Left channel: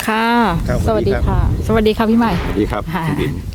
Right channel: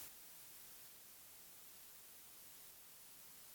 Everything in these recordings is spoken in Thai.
ค่ะครับสวัสดีค่ะ สวัสดีค่ะพี่ใหม่สวัสดีครับค่ะคุณบิน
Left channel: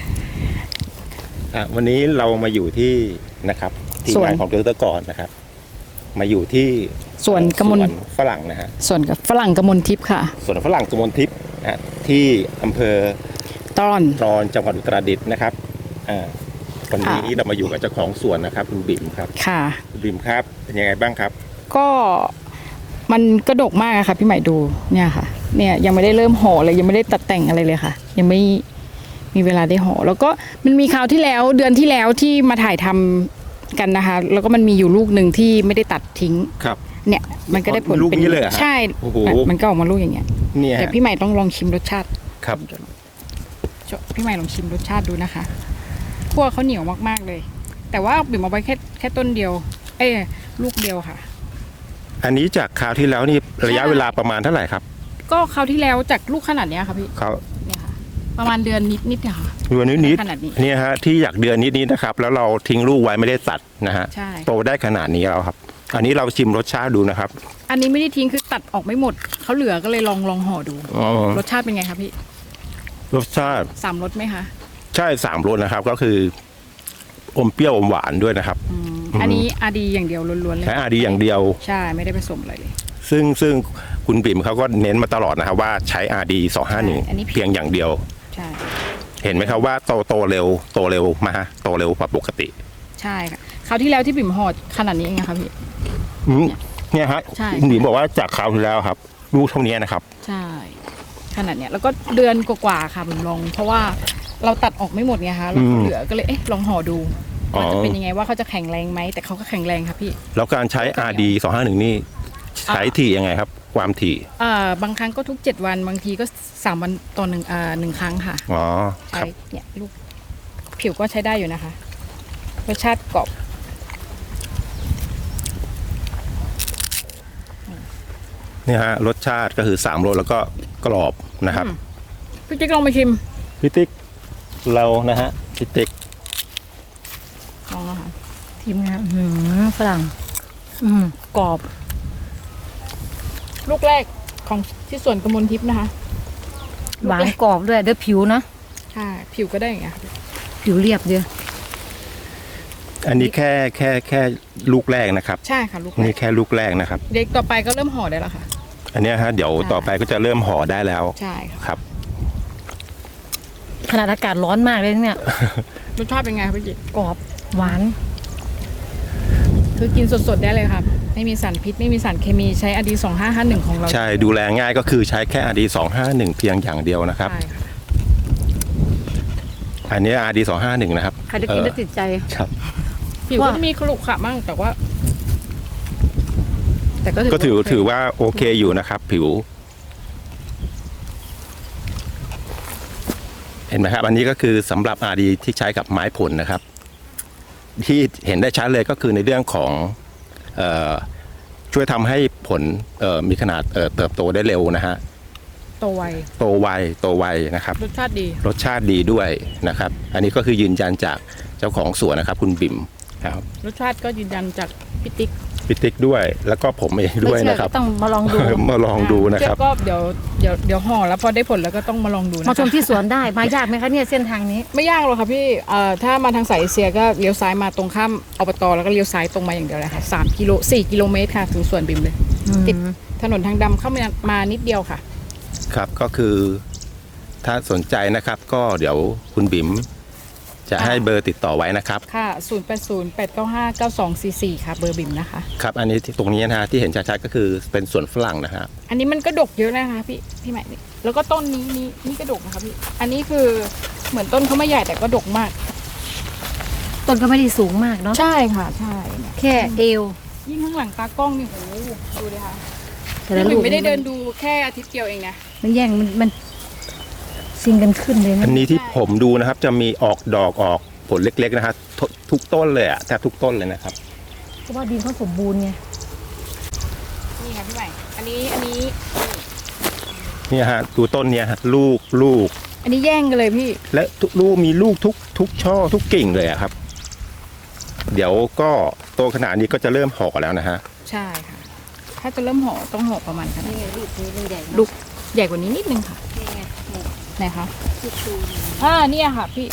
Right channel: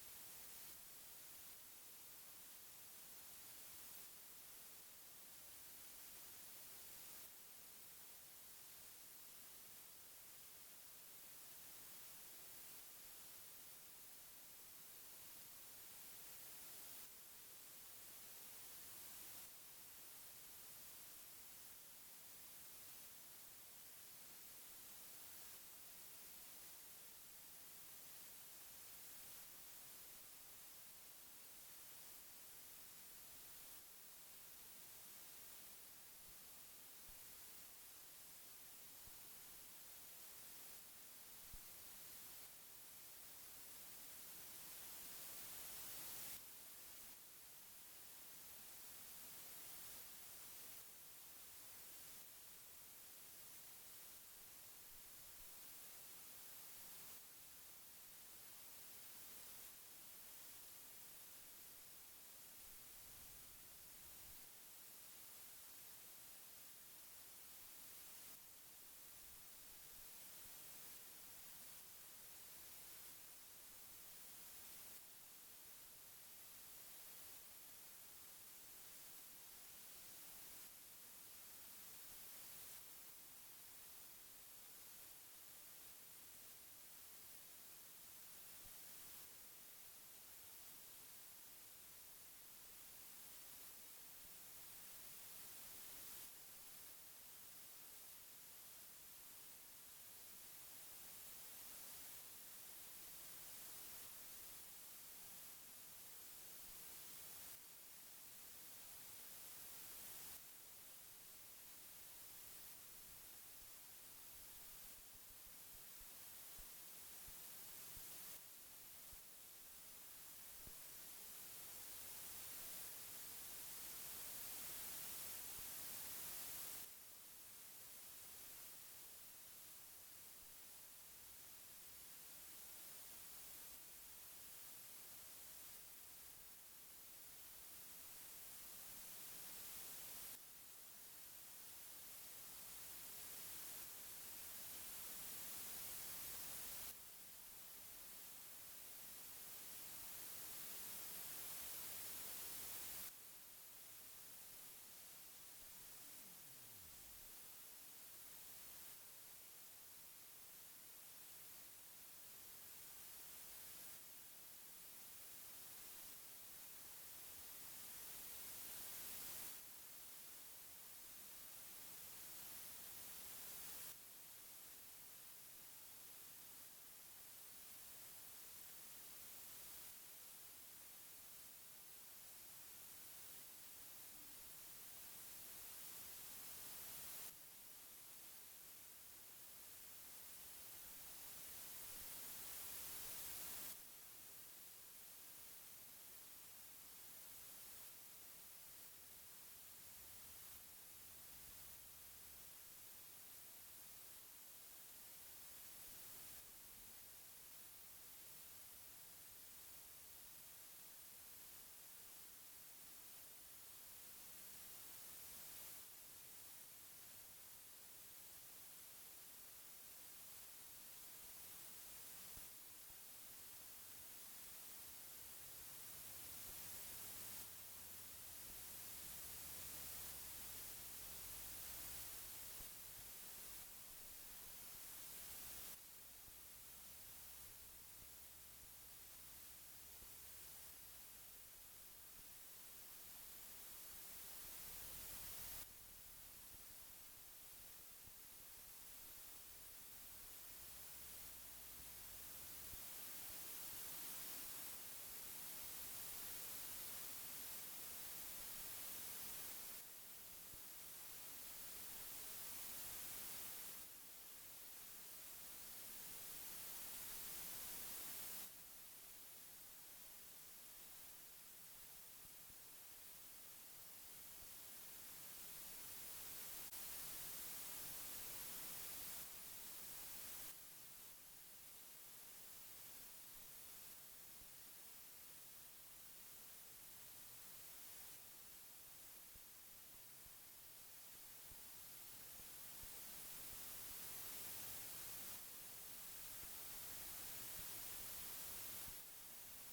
วันนี้เรามาอยู่ที่นะครับทีมงานของดร.กรนะครับ มาอยู่ที่สวนกมลสวนฝรั่งนะฮะส่วนกับฝรั่งกมลทิพย์ค่ะสวนฝรั่งกมลทิพย์นะฮะที่อำเภอตอนตรอนจังหวัดอุตรดิตถ์นะครับวันนี้ค่ะเรามาอยู่กับเจ้าของสวนนะครับคุณบิ๋มครับค่ะคุณบิ๋มครับเป็นยังไงบ้างครับก็มันกระดกมากอะค่ะพี่ใหม่ดูเนี่ยค่ะ เนี่ยยังไม่ได้เริ่มห่อเลยยังไม่ได้ตัดแต่งอะไรเลยค่ะ ยังไม่มีเวลาได้ห่อแล้วก็มันมีคราวที่แล้วเดือนที่แล้วที่มาถ่ายทำกันนะคะ แล้วก็มันมีอยู่ลูกหนึ่งที่ไม่ได้ตัดทิ้งครับเนี่ยมันก็ได้ผลลูกนี้เลยเหรอฮะใช่โอ้โหมันก็ออกมาลูกอย่างเงี้ยเนี่ยแต่ฮะพี่ใหม่ต้องลองชิมรสชาติครับพี่ใหม่ลองชิมรสชาติดูนะคะคั่วเขาเหนียวมากๆเลย แต่ว่าบิ่มเอาไว้แค่ต้นเดียว ลูกเดียวค่ะอันนี้จากคราวที่แล้วนี่ระยะเวลาประมาณเท่าไหร่ครับก็คราวที่แล้วจากลูกขนาดเนี้ยค่ะพี่เขาเนี่ยค่ะ ประมาณเดือนนิดๆเนี่ยค่ะเดือนนิดขนาดนี้ๆเนี่ยฮะที่อยากเดือนนิดๆนะครับ แล้วเราทิ้งลูกไว้ไม่ได้ตัดนะฮะใช่โตได้ขนาดนี้แล้วครับ อันนี้เราชิมรสชาติดูนะครับอันนี้ไม่ได้ทิ้งคือตัดออกไม่หมดเขาเหลือก็เลยลองห่อดูอ๋อรสชาติเป็นไงคะพี่รสชาติสามรสไหมคะใช่3 รสนะครับ ก็คืออมเปรี้ยวอมหวานด้วยนะครับอันนี้อาดีอย่างเดียวล้วนๆเลยใช้อาดีอย่างเดียวใช่ไม่ได้ผสมอะไรเลยซึ่งคุณปิ่มเขาก็เน้นมาตลอดนะครับว่าใช้อาดีอันนี้ 251เพียงอย่างเดียวใช่เห็นไหมครับว่าโตเร็วมาโตเร็วกว่าปกติใช่ค่ะคราวที่แล้วที่บิ่มห่อขนาดนี้เองนะคะพี่อืมเนี่ยฮะใช่คุณปิ่มบอกว่าจากคราวที่แล้วครับลูกเท่านี้นะครับใช่ขนาดเนี้ยแล้วก็เดือนกว่าๆค่ะบิ่มลอง เพราะว่าเราตัดออกไม่หมดไงคะแล้วเหลือก็เลยลองห่อดูว่าจะเป็นยังไงว่าเขาจะแข็งแรงไหมแต่เขาก็แข็งแรงครับพี่แล้วการใช้ RD 251นี่ใช้ถี่ยังไงครับ ความถี่บางครั้งก็ทุก7วันบางทีก็3วันต่อหนึ่งครั้งค่ะอ๋อคใช้รับเนี่ยลูกผิวก็ใช้ได้อยู่นะคะรสชาติกรอบเนี่ยฮะรสชาติก็คือ3 รสแล้วก็กรอบนะครับพี่จิ๊กลองไปชิมพี่ติ๊กเรานะฮะพี่ติ๊กลองนะคะทีมงานฝรั่งกรอบ ลูกแรกของที่สวนกมลทิพย์นะคะหวานกรอบด้วยเดี๋ยวผิวนะใช่ผิวก็ได้อย่างเงี้ยค่ะผิวเรียบเดียวอันนี้แค่ลูกแรกนะครับใช่ค่ะลูกแรนี่กแค่ลูกแรกนะครับเด็กต่อไปก็เริ่มห่อได้แล้วค่ะอันเนี้ยฮะเดี๋ยวต่อไปก็จะเริ่มห่อได้แล้วใช่ค่ะครับขนาดอากาศร้อนมากเลยเนี่ยรสชาติเป็นไงคะพี่จิ๊กกรอบหวานคือกินสดๆได้เลยค่ะไม่มีสารพิษไม่มีสารเคมีใช้อดี2551ของเราใช่ดูแลง่ายก็คือใช้แค่ RD 251เพียงอย่างเดียวนะครับใช่ค่ะอันนี้ RD 251นะครับใครได้กินได้ติดใจครับผิวก็ว่าจะมีขรุขระมั่งแต่ว่า แต่ก็ก็ถือโเคว่าโอเคอยู่นะครับ ผิว เห็นไหมครับอันนี้ก็คือสำหรับ RD ที่ใช้กับไม้ผลนะครับ ที่เห็นได้ชัดเลยก็คือในเรื่องของช่วยทำให้ผลมีขนาดเติบโตได้เร็วนะฮะโตไวโตไวนะครับรสชาติดีรสชาติดีด้วยนะครับ อันนี้ก็คือยืนยันจากเจ้าของสวนนะครับ คุณบิ่มครับรสชาติก็ยืนยันจากพี่ติ๊กพี่ติ๊กด้วย แล้วก็ผมเองไม่ด้วยเชื่อนะครับก็ต้องมาลองดูมาลองดูนะครับก็เดี๋ยวห่อแล้วพอได้ผลแล้วก็ต้องมาลองดูนะมาชมคะที่สวนได้มายากไหมคะเนี่ยเส้นทางนี้ไม่ยากหรอกค่ะพี่ถ้ามาทางสายเอเชียก็เลี้ยวซ้ายมาตรงข้ามอบตแล้วก็เลี้ยวซ้ายตรงมาอย่างเดียวเลยค่ะ4 กิโลเมตรค่ะถึงสวนบิมเลย ติด ถนนทางดำเข้ามานิดเดียวค่ะครับก็คือถ้าสนใจนะครับ ก็เดี๋ยวคุณบิ่มจะให้เบอร์ติดต่อไว้นะครับค่ะ 0808959244 ค่ะ เบอร์บิมนะคะครับอันนี้ที่ตรงนี้นะฮะที่เห็นชัดๆก็คือเป็นสวนฝรั่งนะฮะอันนี้มันก็ดกเยอะนะคะพี่ใหม่แล้วก็ต้นนี่ก็ดกนะคะพี่ อันนี้คือเหมือนต้นเขาไม่ใหญ่แต่ก็ดกมากต้นก็ไม่ได้สูงมากเนาะใช่ค่ะใช่แค่เอวยิ่งข้างหลังตากล้องนี่โหดูเลยค่ะแต่ละพี่ลูบิกมไม่ได้เดินดูแค่อาทิตย์เดียวเองนะมันแย่งมันซิงกันขึ้นเลยนะอันนี้ที่ผมดูนะครับจะมีออกดอกออกผลเล็กๆนะฮะทุกต้นเลยอะแทบทุกต้นเลยนะครับเพราะว่าดินเขาสมบูรณ์ไงนี่ค่ะพี่ใหม่ อันนี้เนี่ยฮะดูต้นเนี่ยฮะลูกอันนี้แย่งกันเลยพี่และทุกลูกมีลูกทุกช่อทุกกิ่งเลยอะครับ เดี๋ยวก็โตขนาดนี้ก็จะเริ่มห่อแล้วนะฮะใช่ค่ะ ถ้าจะเริ่มห่อต้องห่อประมาณขนาดนี่นี้ไงลูกนี้ลูกใหญ่ลูกใหญ่กว่านี้นิดนึงค่ะนี่ไงนี่ไหนคะที่ชูนี่เนี่ยค่ะพี่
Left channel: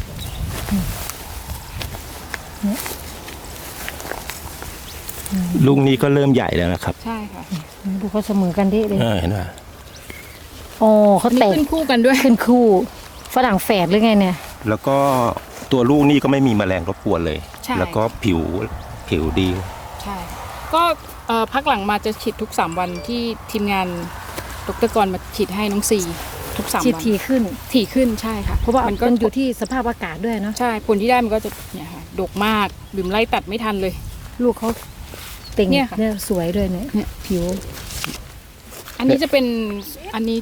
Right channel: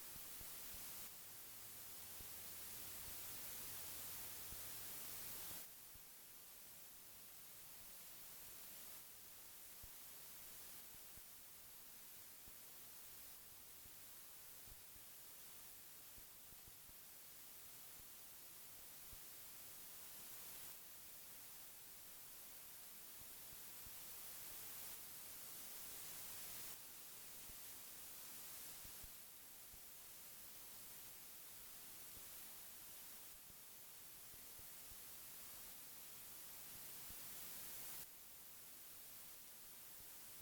ลูกนี้ก็เริ่มใหญ่แล้วนะครับใช่ค่ะดูเขาเสมอกันดิเลยเห็นไหมโอ้เขานี่แตกขึ้นคู่กันด้วยขึ้นคู่ฝรั่งแฝดหรือไงเนี่ยแล้วก็ตัวลูกนี่ก็ไม่มีแมลงรบกวนเลยใช่แล้วก็ผิวดีใช่ก็พักหลังมาจะฉีดทุก 3 วันที่ทีมงานดรกรมาฉีดให้น้องซีทุก 3 วันฉีดทีขึ้นถี่ขึ้นใช่ค่ะเพราะว่ามันก็อยู่ที่สภาพอากาศด้วยเนาะใช่ผลที่ได้มันก็จะเนี่ยค่ะดกมากบิ่มไล่ตัดไม่ทันเลยลูกเขาเต่งเนี่ยค่ะเนี่ยสวยด้วยเนี่ยเนี่ยผิวอันนี้จะเป็นอันนี้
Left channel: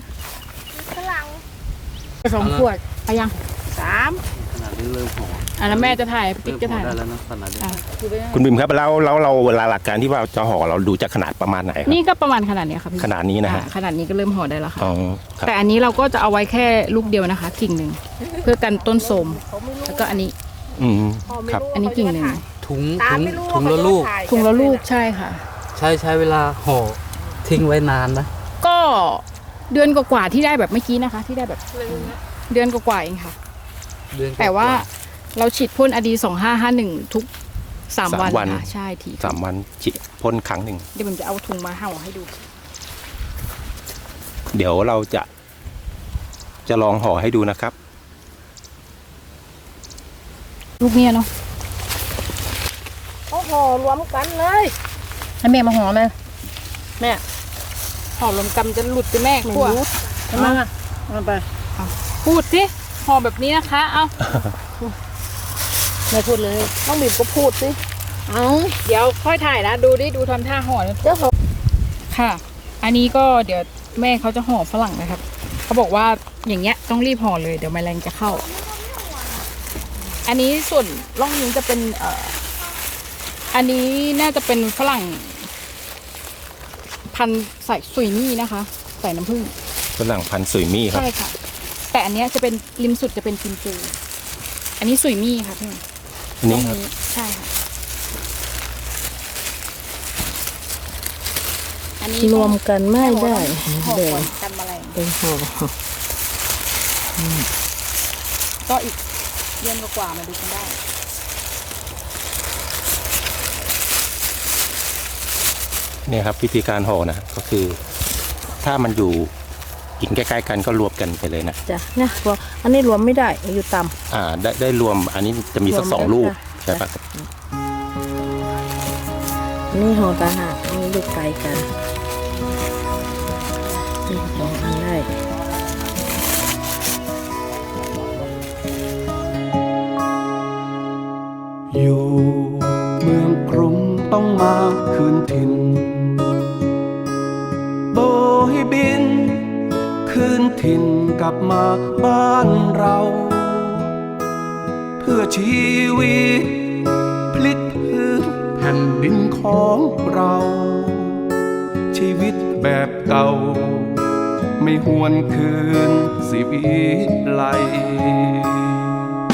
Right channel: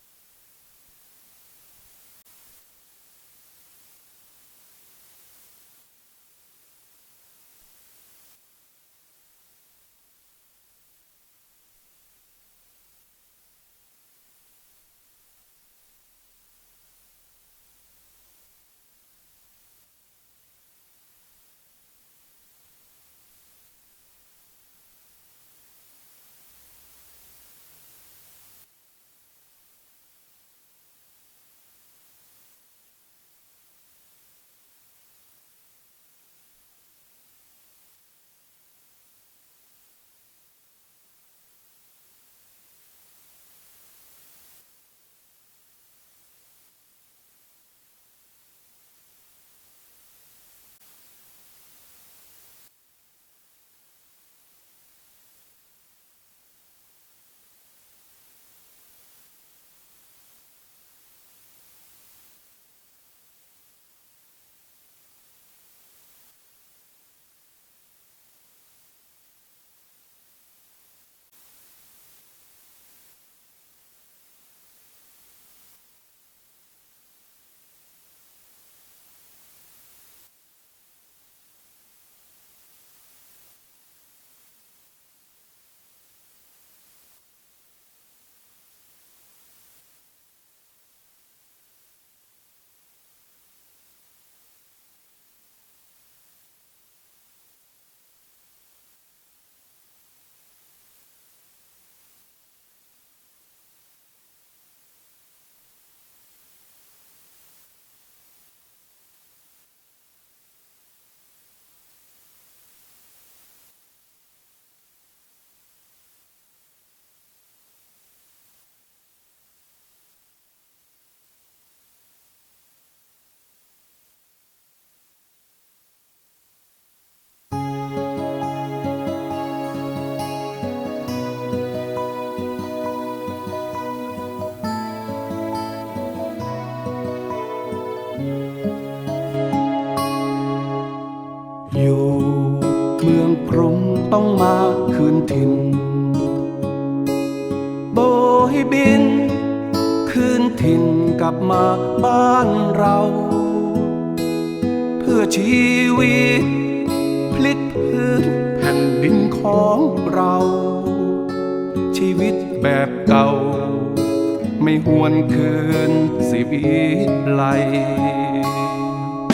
2 ขวดไปยังขนาดนี้เริ่มห่ออ่ะแล้วแม่จะถ่ายเริ่ปิ๊กมจะห่อถ่ายได้แล้วนะขนาดนี้อ่ะคุณบิมครับแล้วเราเวลาหลักการที่ว่าจะห่อเราดูจากขนาดประมาณไหนครับนี่ก็ประมาณขนาดเนี้ยค่ะพี่ขนาดนี้นะฮะขนาดนี้ก็เริ่มห่อได้แล้วค่ะอ๋อครับแต่อันนี้เราก็จะเอาไว้แค่ลูกเดียวนะคะ กิ่งหนึ่งเพื่อกันต้นโทรมแล้วก็อันนี้อืมครับอันนี้กิ่งหนึ่งถุงละลูกถุงละลูกใช่ค่ะใช้เวลาห่อทิ้งไว้นานนะก็เดือนกว่าๆที่ได้แบบเมื่อกี้นะคะ ที่ได้แบบเดือนกว่าๆเองค่ะเดือนกแต่ว่าเราฉีดพ่นอดี2551ทุก3 วัน 3 วันค่ะใช่ที 3 วันฉีดพ่นครั้งหนึ่งเดี๋ยวผมจะเอาถุงมาห่อให้ดูเดี๋ยวเราจะลองห่อให้ดูนะครับลูกเนี้ยเนาะเขาห่อรวมกันเลยให้แม่มาห่อไหมแม่ห่อลมกำจะหลุดไปแม่ไม่กลัวรู้ทำไมอ่ะเอาไปพูดสิห่อแบบนี้นะคะเอาแม่พูดเลยน้องบีบก็พูดสิเอาเดี๋ยวค่อยถ่ายนะดูดิดูทำท่าห่อนะเจ้าของค่ะ อันนี้ก็เดี๋ยวแม่เขาจะห่อฝรั่งนะครับเขาบอกว่าอย่างเงี้ยต้องรีบห่อเลยเดี๋ยวแมลงจะเข้า อันนี้ส่วนร่องนี้จะเป็นอันนี้น่าจะเป็นฝรั่ง พันธุ์ใส่สุยมี่นะคะ ใส่น้ำผึ้งฝรั่งพันธุ์สุยมี่ครับใช่ค่ะ แต่อันเนี้ยจะเป็นริมสุดจะเป็นกิมจูอันนี้สุยมี่ค่ะพี่อันนี้ครับใช่ค่ะอันนี้รวมกันไม่ได้ห่อแบ่ก่อง นกันแมลงเป็นห่อก็อีกเดือนกว่าๆมาดูกันได้เนี่ยครับวิธีการห่อนะก็คือ ถ้ามันอยู่กิ่งใกล้ๆกันก็รวมกันไปเลยนะจ้ะเนี่ยรวมอันนี้รวมไม่ได้อยู่ต่ได้รวมอันนี้จะมีสักรวม 2 ลูกได้ใช่ปะำนี่ห่อตาหากอันนี้อยู่ไกลกันนี่รวมกันได้อยู่เมืองกรุงต้องมาคืนถิ่นโบยบิน คืนถิ่นกลับมาบ้านเรา เพื่อชีวิตพลิกพื้นแผ่นดินของเรา ชีวิตแบบเก่า ไม่หวนคืนสิวิไล